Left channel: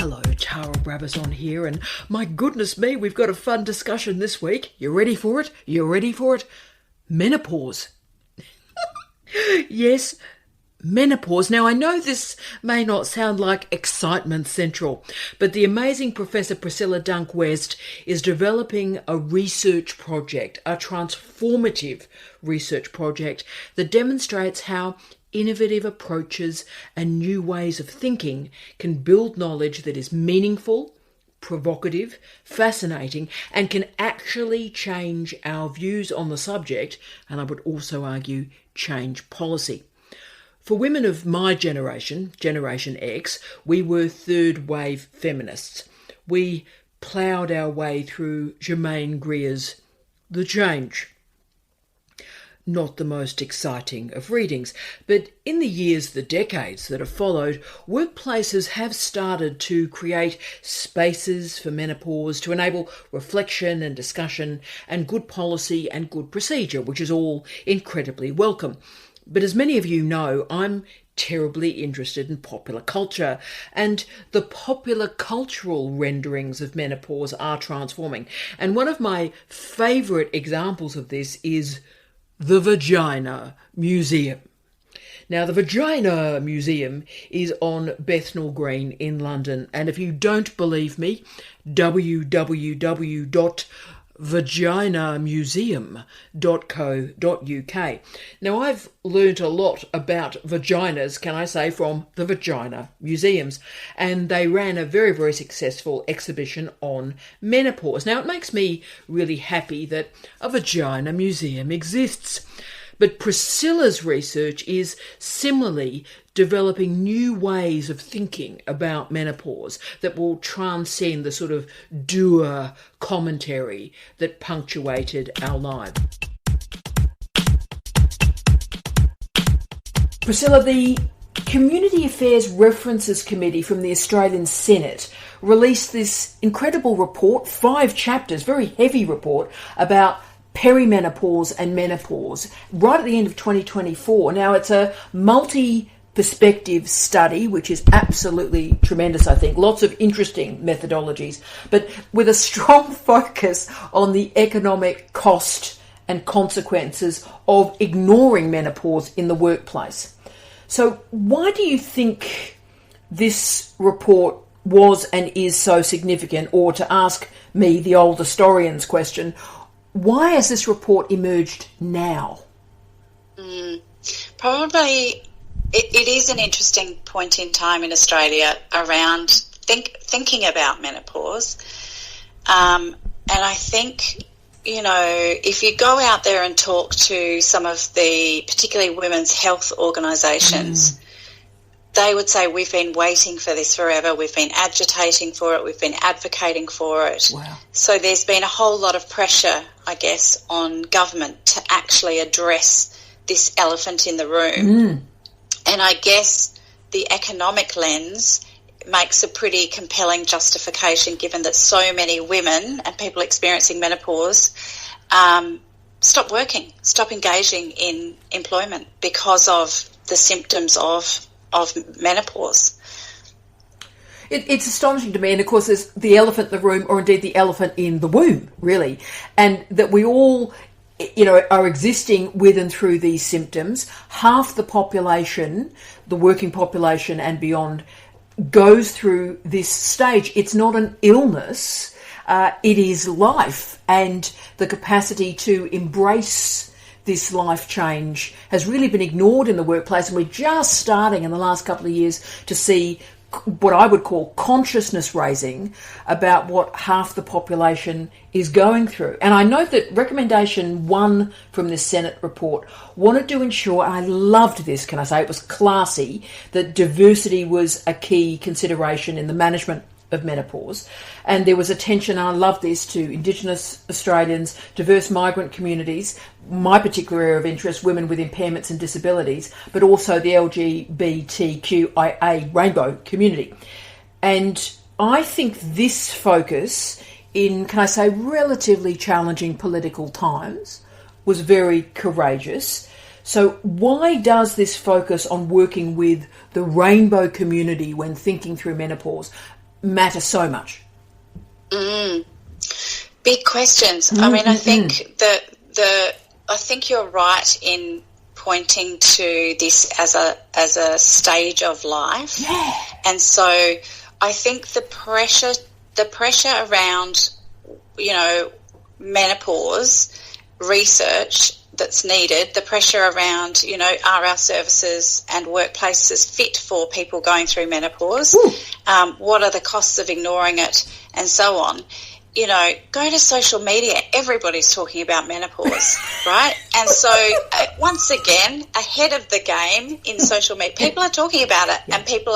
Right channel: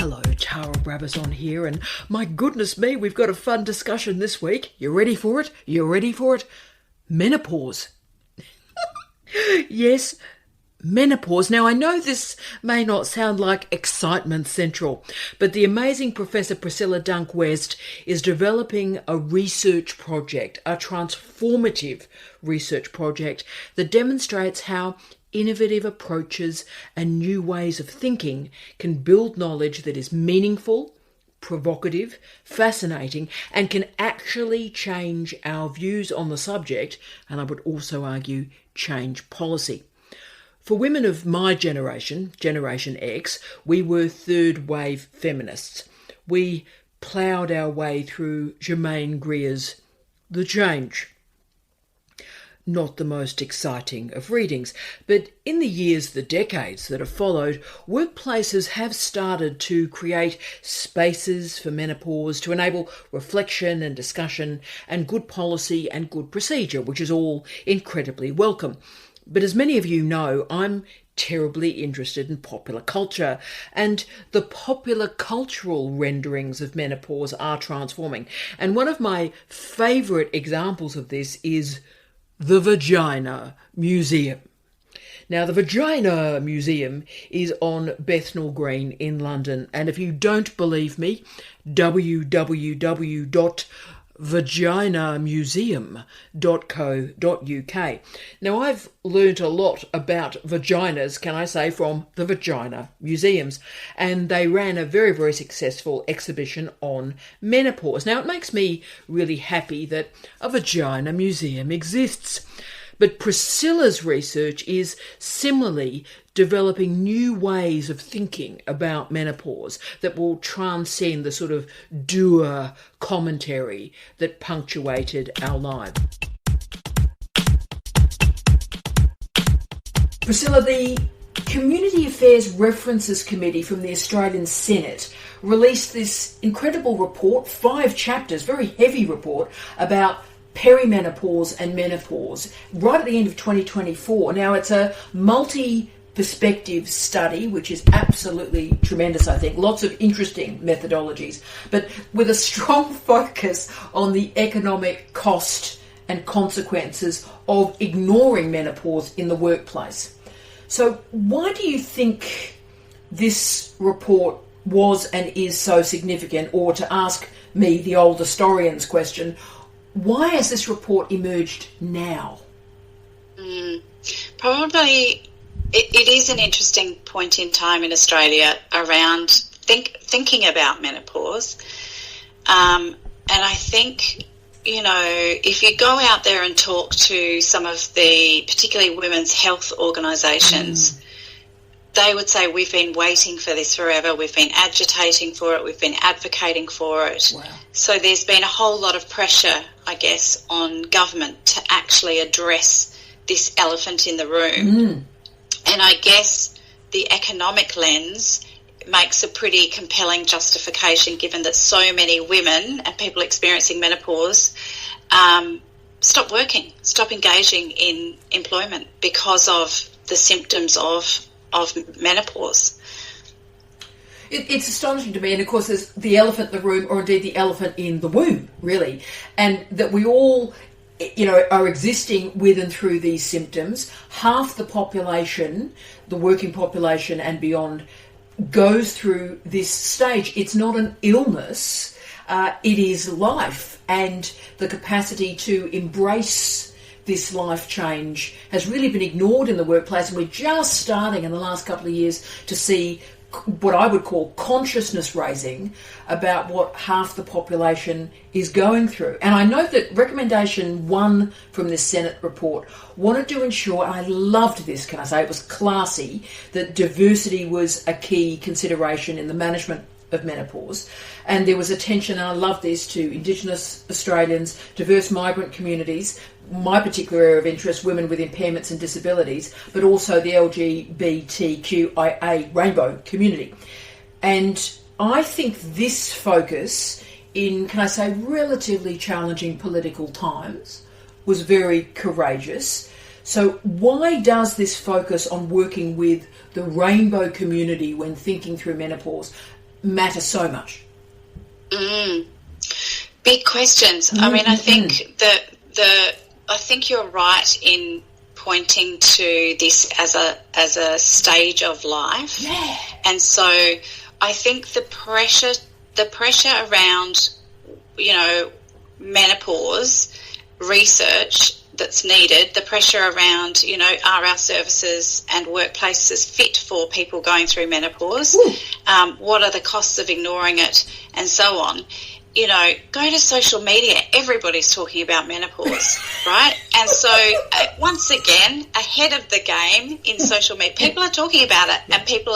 Hello, Tara Brabazon here, and my goodness me, we've got a fun discussion this week. You ready for it? You ready for it? Menopause. Yes, menopause. Now, I know this may not sound like excitement central, but the amazing Professor Priscilla Dunk-West is developing a research project, a transformative research project that demonstrates how innovative approaches and new ways of thinking can build knowledge that is meaningful, provocative, fascinating, and can actually change our views on the subject, and I would also argue change policy. For women of my generation, Generation X, we were third wave feminists. We ploughed our way through Germaine Greer's The Change. Not the most exciting of readings, but in the decades that have followed, workplaces have started to create spaces for menopause to enable reflection and discussion and good policy and good procedure, which is all incredibly welcome. But as many of you know, I'm terribly interested in popular culture, and the popular cultural renderings of menopause are transforming. And one of my favourite examples of this is the Vagina Museum. Now, the Vagina Museum is on Bethnal Green in London, and if you don't believe me, www.vaginamuseum.co.uk. Now, I've learnt a lot about vaginas, can I say, from the Vagina Museums, and they ran a very, very successful exhibition on menopause. Now, it makes me really happy that a Vagina Museum exists. But Priscilla's research is similarly developing new ways of thinking about menopause that will transcend the sort of dour commentary that punctuated our lives. Priscilla, the Community Affairs References Committee from the Australian Senate released this incredible report, 5 chapters, very heavy report, about perimenopause and menopause right at the end of 2024. Now, it's a multi-perspective study, which is absolutely tremendous, I think. Lots of interesting methodologies, but with a strong focus on the economic cost and consequences of ignoring menopause in the workplace. So why do you think this report was and is so significant? Or to ask me, the old historian's question, why has this report emerged now? Probably it is an interesting point in time in Australia around thinking about menopause. And I think, if you go out there and talk to some of the, particularly women's health organisations, they would say, we've been waiting for this forever, we've been agitating for it, we've been advocating for it. Wow. So there's been a whole lot of pressure, I guess, on government to actually address this elephant in the room. And I guess the economic lens makes a pretty compelling justification, given that so many women and people experiencing menopause stop working, stop engaging in employment because of the symptoms of menopause. It's astonishing to me, and of course there's the elephant in the room, or indeed the elephant in the womb, really, and that we all, are existing with and through these symptoms. Half the population, the working population and beyond, goes through this stage. It's not an illness, it is life, and the capacity to embrace this life change has really been ignored in the workplace, and we're just starting in the last couple of years to see what I would call consciousness raising about what half the population is going through. And I note that recommendation 1 from this Senate report wanted to ensure, and I loved this, can I say, it was classy, that diversity was a key consideration in the management of menopause. And there was attention, and I love this, to Indigenous Australians, diverse migrant communities, my particular area of interest, women with impairments and disabilities, but also the LGBTQIA rainbow community. And I think this focus in, can I say, relatively challenging political times was very courageous. So why does this focus on working with the rainbow community when thinking through menopause matter so much? Big questions. I mean, I think I think you're right in pointing to this as a stage of life. Yeah. And so I think the pressure around, menopause research that's needed, the pressure around, are our services and workplaces fit for people going through menopause? What are the costs of ignoring it, and so on? Go to social media. Everybody's talking about menopause, right? And so, once again, ahead of the game in social media, people are talking about it, and people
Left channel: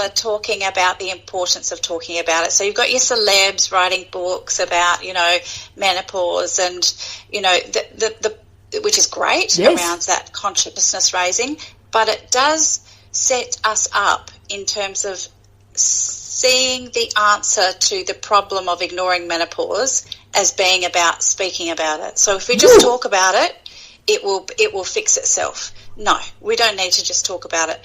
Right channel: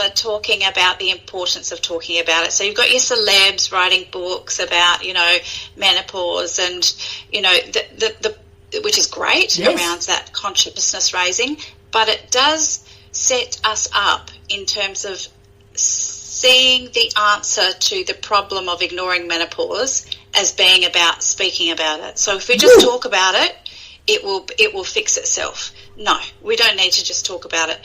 are talking about the importance of talking about it. So you've got your celebs writing books about, menopause, and the which is great around that consciousness raising, but it does set us up in terms of seeing the answer to the problem of ignoring menopause as being about speaking about it. So if we just talk about it, it will fix itself. No, we don't need to just talk about it.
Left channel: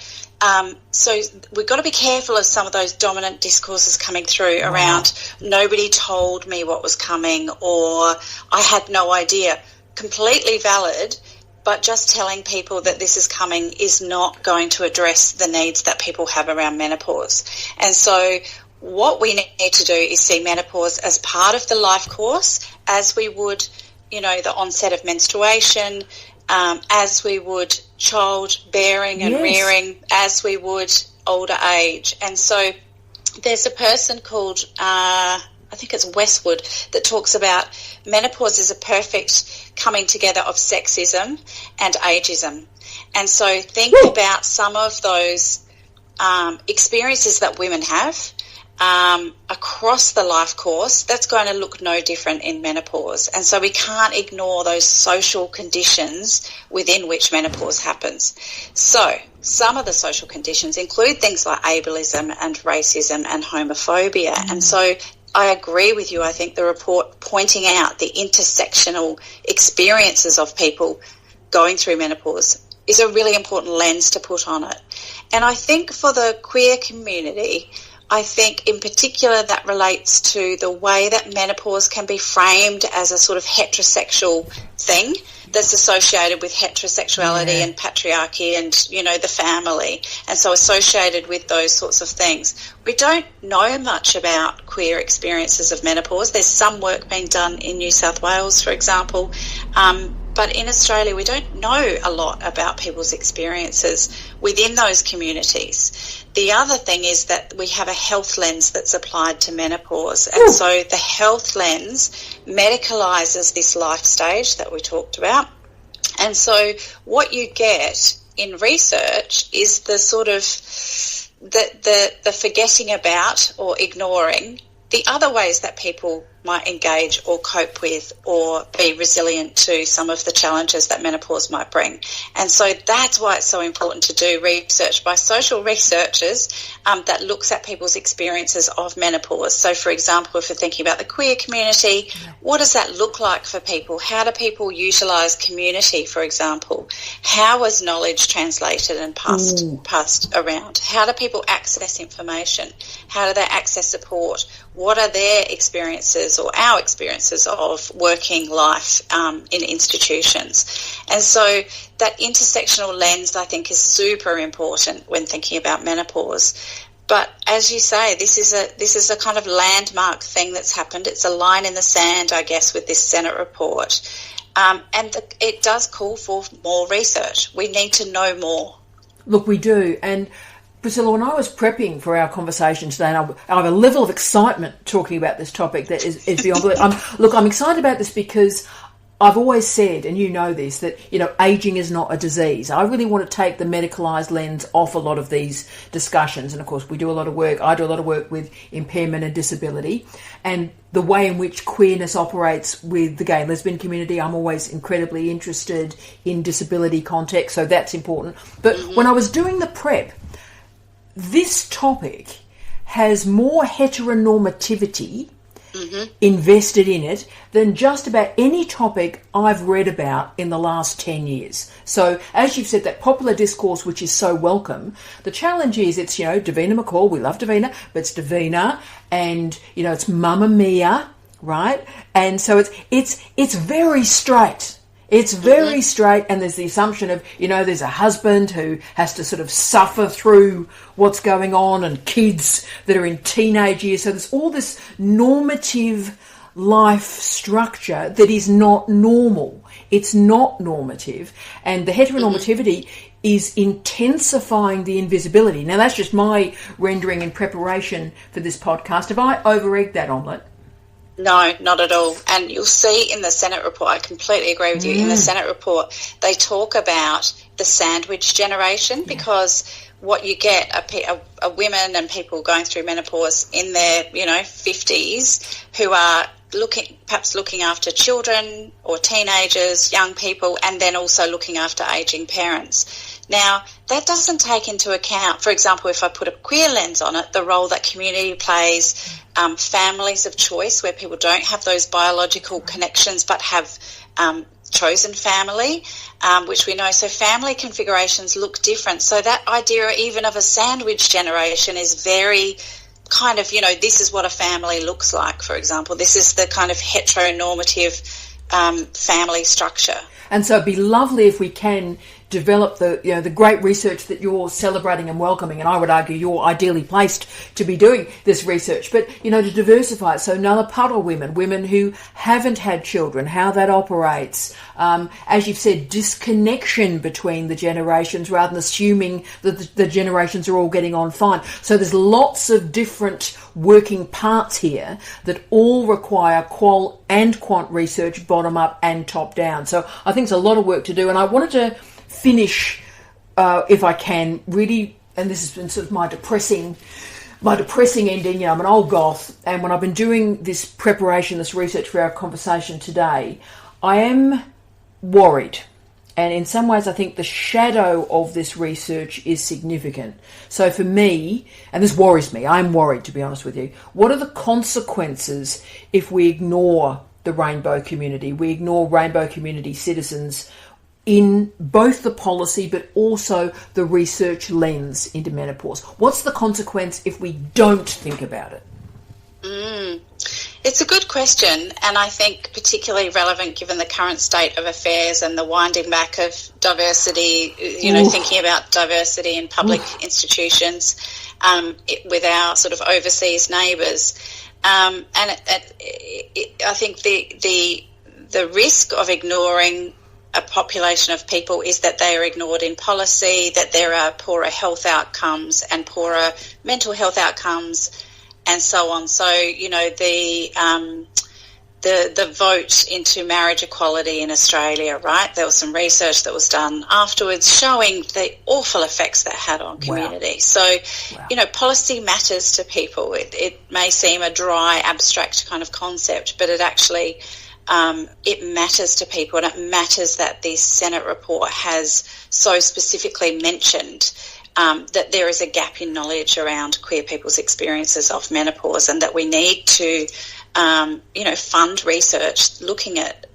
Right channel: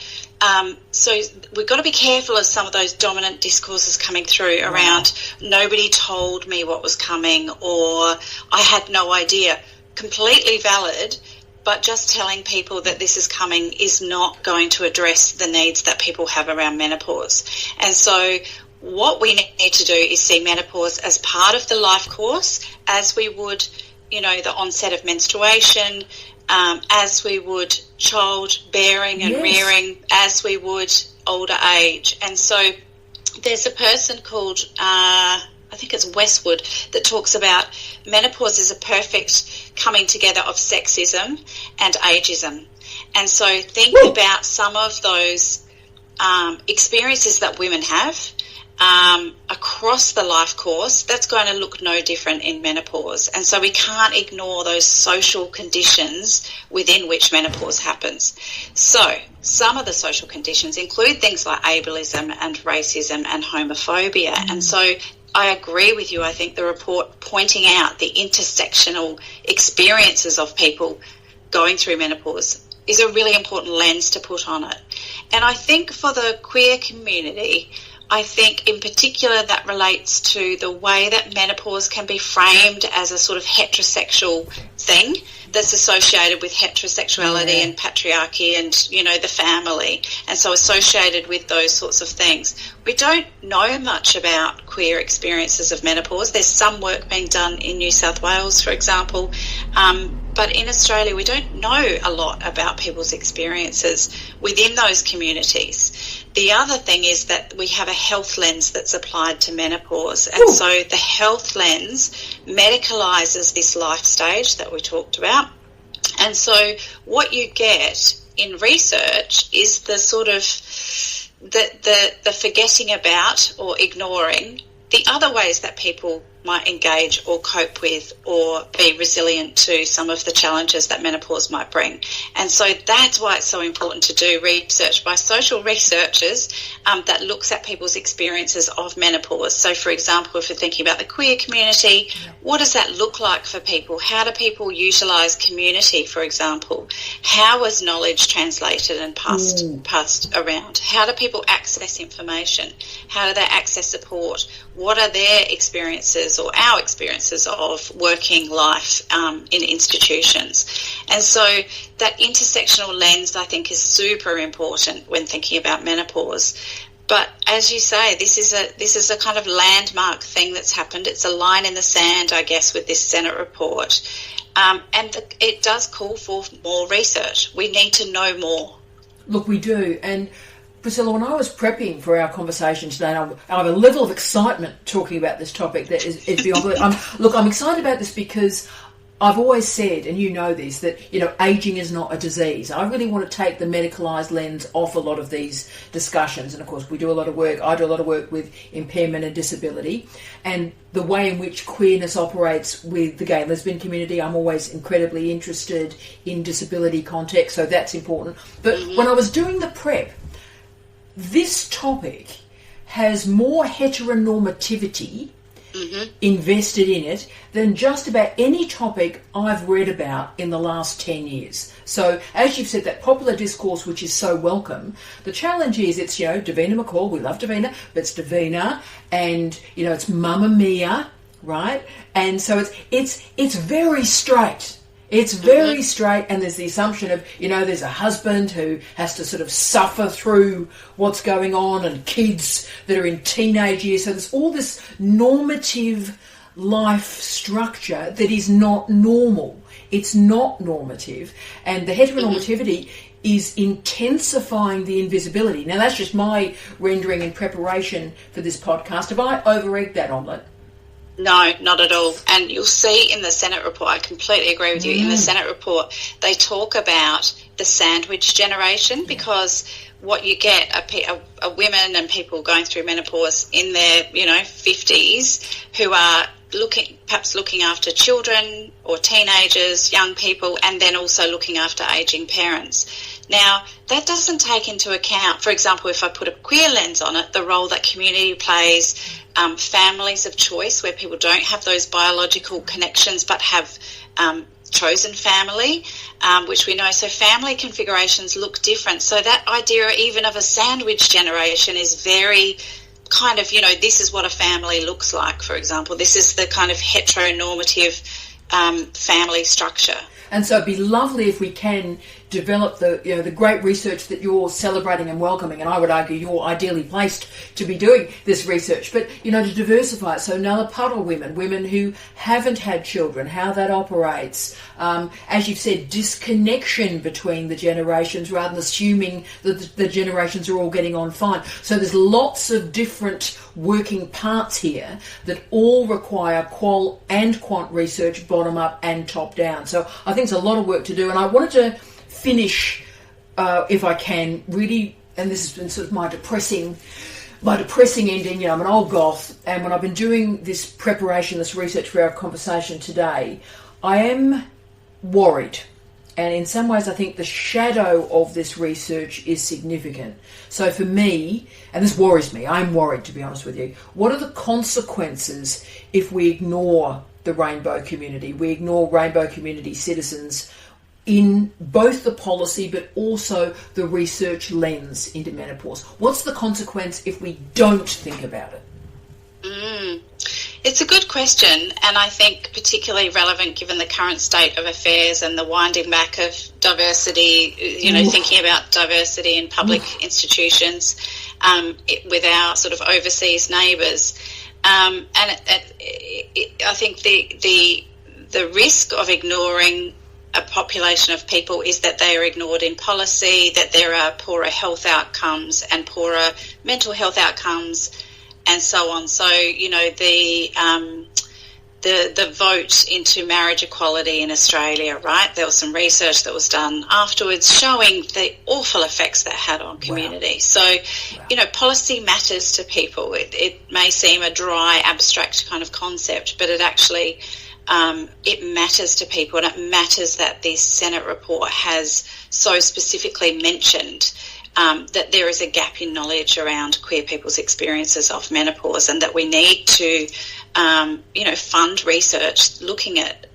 So we've got to be careful of some of those dominant discourses coming through around nobody told me what was coming, or I had no idea. Completely valid, but just telling people that this is coming is not going to address the needs that people have around menopause. And so what we need to do is see menopause as part of the life course, as we would, the onset of menstruation, as we would childbearing and rearing, as we would older age. And so there's a person called I think it's Westwood, that talks about menopause is a perfect coming together of sexism and ageism. And so think about some of those experiences that women have across the life course. That's going to look no different in menopause. And so we can't ignore those social conditions within which menopause happens. So some of the social conditions include things like ableism and racism and homophobia. And so I agree with you. I think the report pointing out the intersectional experiences of people going through menopause is a really important lens to put on it. And I think for the queer community, I think in particular that relates to the way that menopause can be framed as a sort of heterosexual thing that's associated with heterosexuality and patriarchy and, the family, and so associated with those sorts of things. We don't know much about queer experiences of menopause. There's some work being done in New South Wales, for example, but in Australia we don't know a lot about people's experiences within those communities. The other thing is that we have a health lens that's applied to menopause, and so the health lens medicalises this life stage that we talked about. And so what you get in research is the sort of the forgetting about or ignoring the other ways that people might engage or cope with or be resilient to some of the challenges that menopause might bring. And so that's why it's so important to do research by social researchers that looks at people's experiences of menopause. So, for example, if we're thinking about the queer community, what does that look like for people? How do people utilise community, for example? How is knowledge translated and passed around? How do people access information? How do they access support? What are their experiences or our experiences of working life in institutions? And so that intersectional lens, I think, is super important when thinking about menopause. But as you say, this is a kind of landmark thing that's happened. It's a line in the sand, I guess, with this Senate report. It does call for more research. We need to know more. Look, we do. And Priscilla, when I was prepping for our conversation today, and I have a level of excitement talking about this topic that is beyond belief. I'm excited about this because I've always said, and you know this, that, ageing is not a disease. I really want to take the medicalised lens off a lot of these discussions. And, of course, I do a lot of work with impairment and disability. And the way in which queerness operates with the gay and lesbian community, I'm always incredibly interested in disability context, so that's important. But when I was doing the prep, this topic has more heteronormativity invested in it than just about any topic I've read about in the last 10 years. So, as you've said, that popular discourse, which is so welcome, the challenge is it's, Davina McCall, we love Davina, but it's Davina, and, it's Mamma Mia, right? And so it's very straight. It's very straight, and there's the assumption of, there's a husband who has to sort of suffer through what's going on, and kids that are in teenage years. So there's all this normative life structure that is not normal. It's not normative, and the heteronormativity is intensifying the invisibility. Now, that's just my rendering in preparation for this podcast. Have I over-egged that omelette? No, not at all. And you'll see in the Senate report, I completely agree with you, in the Senate report, they talk about the sandwich generation, because what you get are women and people going through menopause in their, 50s who are perhaps looking after children or teenagers, young people, and then also looking after ageing parents. Now, that doesn't take into account, for example, if I put a queer lens on it, the role that community plays, families of choice where people don't have those biological connections but have chosen family, which we know. So family configurations look different. So that idea even of a sandwich generation is very kind of, this is what a family looks like, for example. This is the kind of heteronormative family structure. And so it'd be lovely if we can develop the great research that you're celebrating and welcoming, and I would argue you're ideally placed to be doing this research, but to diversify it. So Nalapara women who haven't had children, how that operates, as you've said, disconnection between the generations rather than assuming that the generations are all getting on fine. So there's lots of different working parts here that all require qual and quant research, bottom up and top down. So I think there's a lot of work to do, and I wanted to finish, if I can, really, and this has been sort of my depressing ending. I'm an old goth, and when I've been doing this preparation, this research for our conversation today, I am worried. And in some ways, I think the shadow of this research is significant. So for me, and this worries me, I'm worried, to be honest with you, what are the consequences if we ignore the rainbow community? We ignore rainbow community citizens in both the policy but also the research lens into menopause. What's the consequence if we don't think about it? It's a good question, and I think particularly relevant given the current state of affairs and the winding back of diversity, thinking about diversity in public institutions with our sort of overseas neighbours. And I think the risk of ignoring a population of people is that they are ignored in policy, that there are poorer health outcomes and poorer mental health outcomes, and so on. So, the vote into marriage equality in Australia, right? There was some research that was done afterwards showing the awful effects that had on community. Wow. So, policy matters to people. It may seem a dry, abstract kind of concept, but it actually it matters to people, and it matters that this Senate report has so specifically mentioned that there is a gap in knowledge around queer people's experiences of menopause, and that we need to, fund research looking at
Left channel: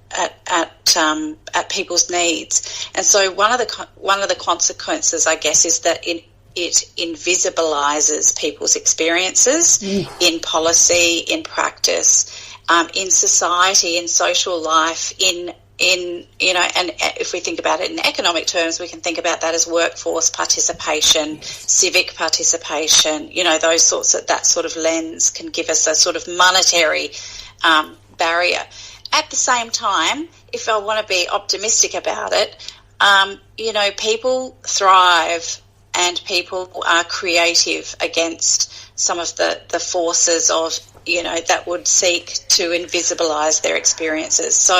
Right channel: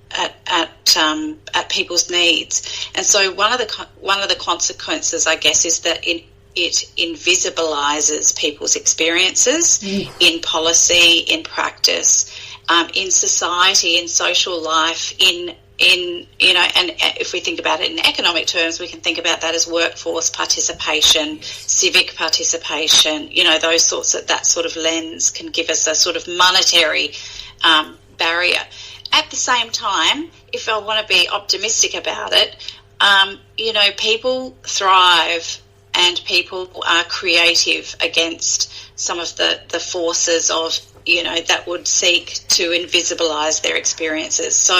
people's needs. And so one of the consequences, I guess, is that it invisibilizes people's experiences in policy, in practice, in society, in social life, in and if we think about it in economic terms, we can think about that as workforce participation, civic participation, those sorts of, that sort of lens can give us a sort of monetary barrier. At the same time, if I want to be optimistic about it, people thrive and people are creative against some of the forces of, that would seek to invisibilize their experiences. So,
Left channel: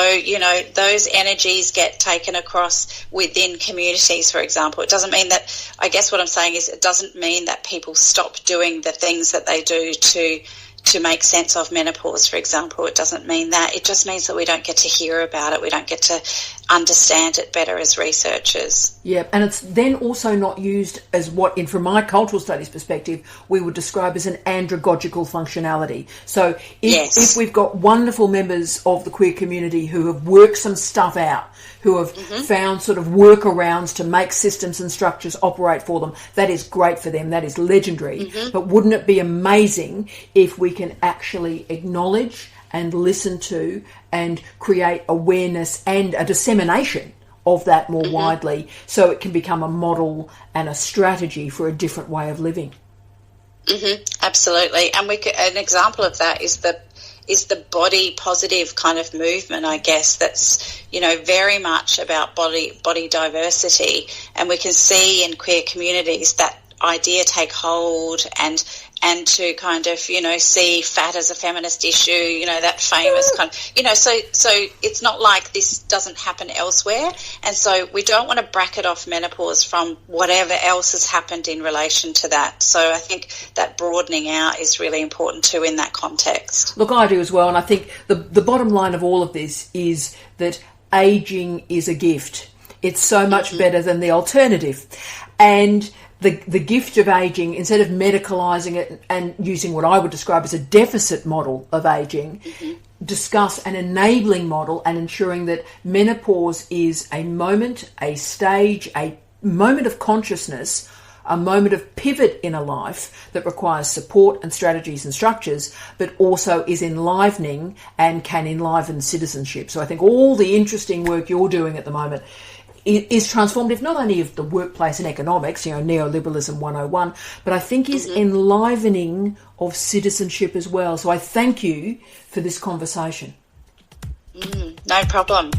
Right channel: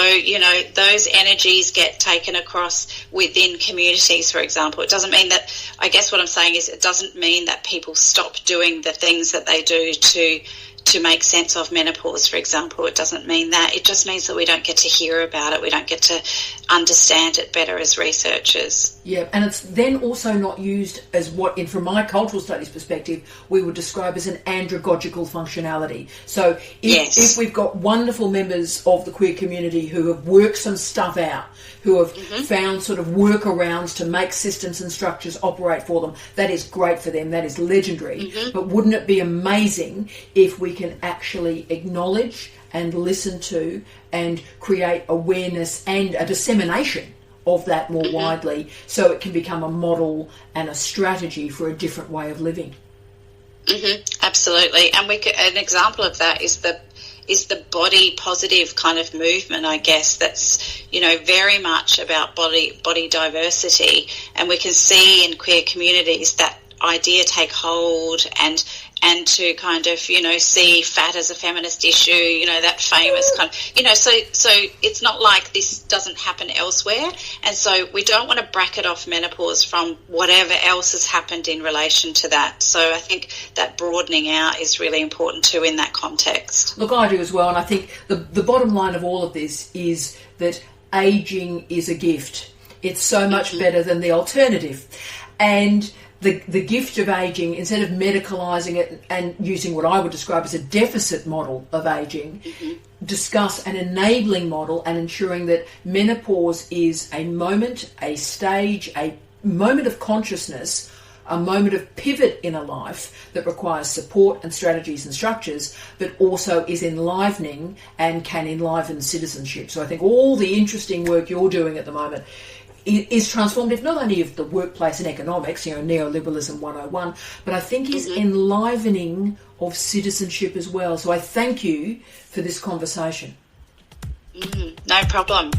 those energies get taken across within communities, for example. It doesn't mean that, I guess what I'm saying is it doesn't mean that people stop doing the things that they do to make sense of menopause, for example. It doesn't mean that. It just means that we don't get to hear about it. We don't get to understand it better as researchers. Yeah, and it's then also not used as what, from my cultural studies perspective, we would describe as an andragogical functionality. So if we've got wonderful members of the queer community who have worked some stuff out, who have found sort of workarounds to make systems and structures operate for them, that is great for them, that is legendary. But wouldn't it be amazing if we can actually acknowledge and listen to and create awareness and a dissemination of that more widely, so it can become a model and a strategy for a different way of living? Absolutely. And an example of that is the body positive kind of movement, I guess, that's, very much about body diversity. And we can see in queer communities that idea take hold, and to kind of, see fat as a feminist issue, that famous kind of, so it's not like this doesn't happen elsewhere. And so we don't want to bracket off menopause from whatever else has happened in relation to that. So I think that broadening out is really important too in that context. Look, I do as well. And I think the bottom line of all of this is that ageing is a gift. It's so much better than the alternative. And the gift of ageing, instead of medicalising it and using what I would describe as a deficit model of ageing, discuss an enabling model and ensuring that menopause is a moment, a stage, a moment of consciousness, a moment of pivot in a life that requires support and strategies and structures, but also is enlivening and can enliven citizenship. So I think all the interesting work you're doing at the moment is transformative, not only of the workplace and economics, neoliberalism 101, but I think is enlivening of citizenship as well. So I thank you for this conversation. No problem.